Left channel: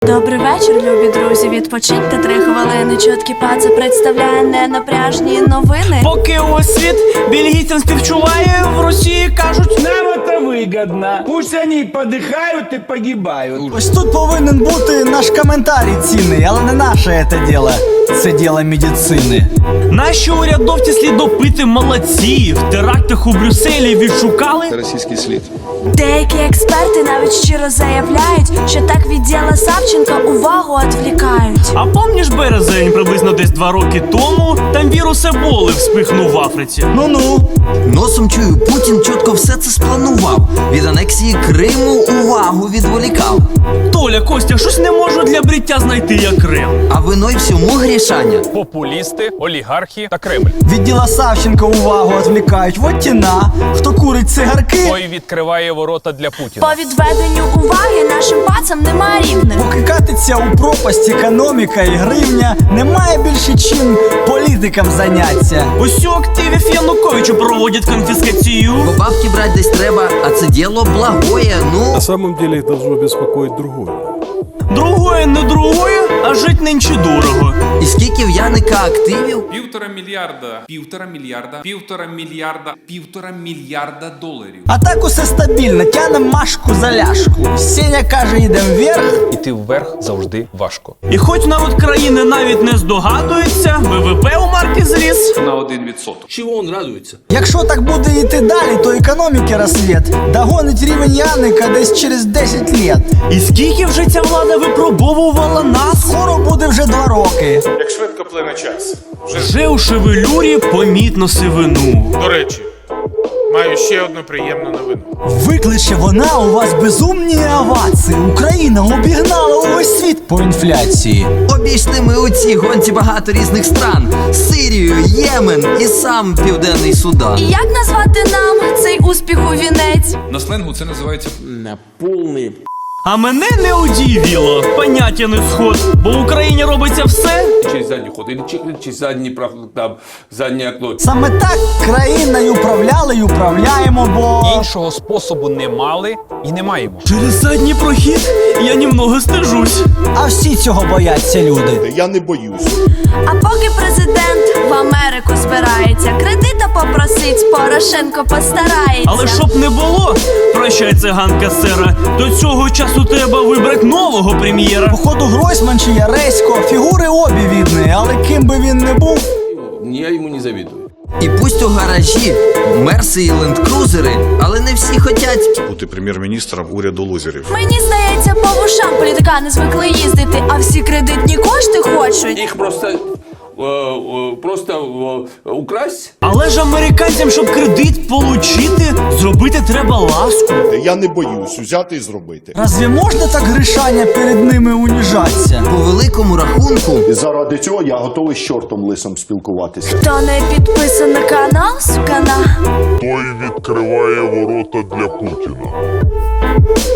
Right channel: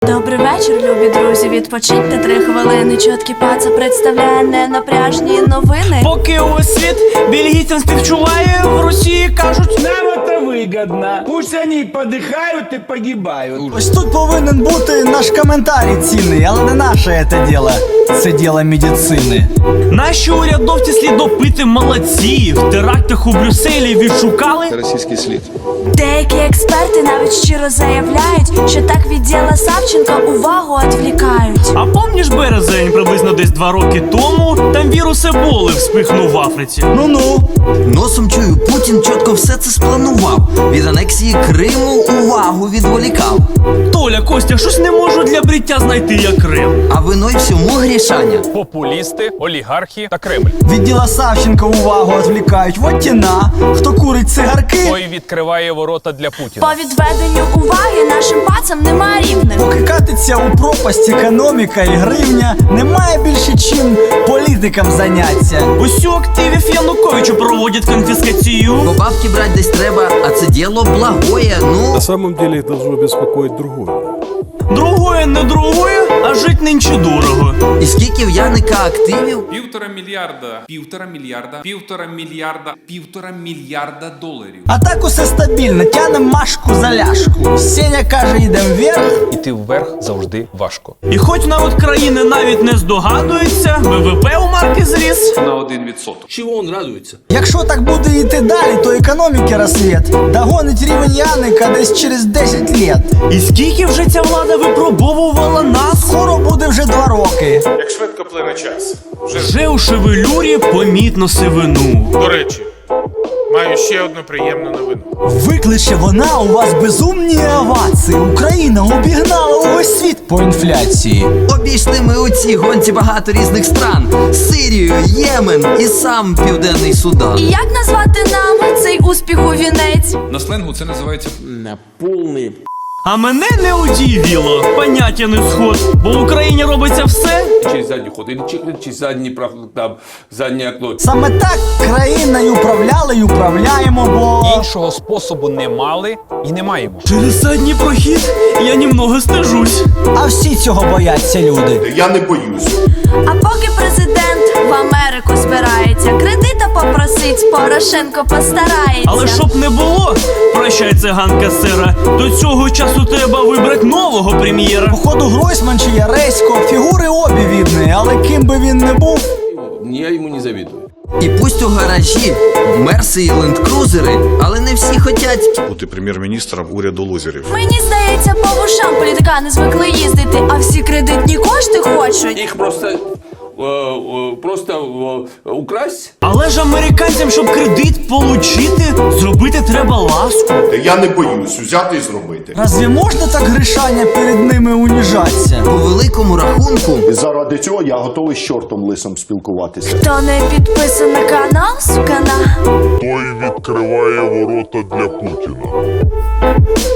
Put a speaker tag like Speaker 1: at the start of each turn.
Speaker 1: Добрий вечір, любі друзі. Відпочиньте 3 хвилини. Чоткий паца представляє ненапряжні новини.
Speaker 2: Поки увесь світ бельгійцям співчуває, в Росії кажуть:
Speaker 3: нам это выгодно. Пусть они подыхают и погибают.
Speaker 4: Ось тут повинен бути наш коментарій цінний, але не наше це діло. Це діло медицини.
Speaker 2: наші урядовці слідопити молодці. В терактах у Брюсселі відшукали
Speaker 5: російський слід.
Speaker 1: Деякі експерти навіть щиро заявляють, що так від діла Савченка увагу відвлікають.
Speaker 2: А помніш березень, приблизно десь 2 роки тому, там вірус Еболи вспихнув в Африці.
Speaker 4: Ну-ну.
Speaker 6: Носом чую, Путін чітко все це спланував. Від анексії Криму увагу відволікав.
Speaker 2: Толя, Костя, щось не можу для бриття знайти, як Крим.
Speaker 6: А вино й всьому грішання.
Speaker 7: Популісти, олігархи та Кремль.
Speaker 4: Від діла Савченка увагу відвлікають. Вот тіна, хто курить цигарки.
Speaker 7: Той відкриває ворота для Путіна.
Speaker 1: По відведенню уваги нашим пацам немає рівних.
Speaker 4: Поки катиться у пропасть економіка і гривня, немає більше чим політикам заняться.
Speaker 2: Ось у активів Януковичу проводять конфіскацію.
Speaker 6: Бо бабки брать десь треба, а це діло благое, ну...
Speaker 8: На самом деле их должно беспокоить другое.
Speaker 2: Другое не другое, а жить нинче дорого.
Speaker 6: І скільки в Яника активів?
Speaker 9: 1,5 мільярда доларів.
Speaker 4: А так усе стабільно, тянем Машку за ляшку. Сеня каже, йдем вверх.
Speaker 7: Іти вверх завжди важко.
Speaker 2: І хоч народ країни навіть не здогадується, ВВП у марки зріс
Speaker 9: На 1%.
Speaker 5: Чого він радується?
Speaker 4: Якщо так буде йти далі, то економіки розсвіт догонить рівень Яника десь через 10 лет.
Speaker 2: І скільки вже ця влада випробовувала нас?
Speaker 4: Скоро буде вже 2 роки.
Speaker 10: Як швидко плине час.
Speaker 2: Вже у шевелюрі помітно сивину.
Speaker 10: До речі, маю ще одну приємну новину.
Speaker 4: Викличе вона у вас безумні овації. Україна обігнала увесь світ по інфляції.
Speaker 6: Обійшли ми у цій гонці багато різних стран. Сирію, Ємен і сам Південний Судан.
Speaker 1: І як назвати нам цей успіх у вінець?
Speaker 9: На сленгу це називається
Speaker 2: А мене не удивило, поняття не сход, бо в Україні робиться все.
Speaker 5: Через задній ход, или через заднє окно.
Speaker 4: Саме так країною управляли й управляємо, бо...
Speaker 7: Іншого способу не мали і не маємо.
Speaker 2: Через задній прохід я німного стежусь.
Speaker 4: А всі цього бояться люди.
Speaker 10: Я не боюсь.
Speaker 1: А поки президент в Америку збирається, кредита попросить, Порошенко постарається.
Speaker 2: Але щоб не було, прощай, циганка сера, до цього часу треба вибрати нового прем'єра.
Speaker 4: Походу Гройсман чи Яресько, фігури обі відні, але ким би він не був...
Speaker 5: Я йому не завідую.
Speaker 6: І пусть у гаражі мерси і лендкрузери, але не всі хотять.
Speaker 11: Бути прем'єр-міністром уряду лузерів.
Speaker 1: Мені здається, по вушам політикани звикли їздити, а всі кредитні кошти хочуть.
Speaker 5: Їх просто украсть.
Speaker 2: Але ж американцям, щоб кредит получити, зробити треба ласку.
Speaker 10: Я не боюсь взяти і зробити.
Speaker 4: Разві можна так гришання перед ними уніжатися?
Speaker 6: По великому рахунку,
Speaker 12: І заради цього я готовий з чортом лисом спілкуватися.
Speaker 1: Хто не підписаний на канал, сукана,
Speaker 11: Той відкриває ворота для Путіна.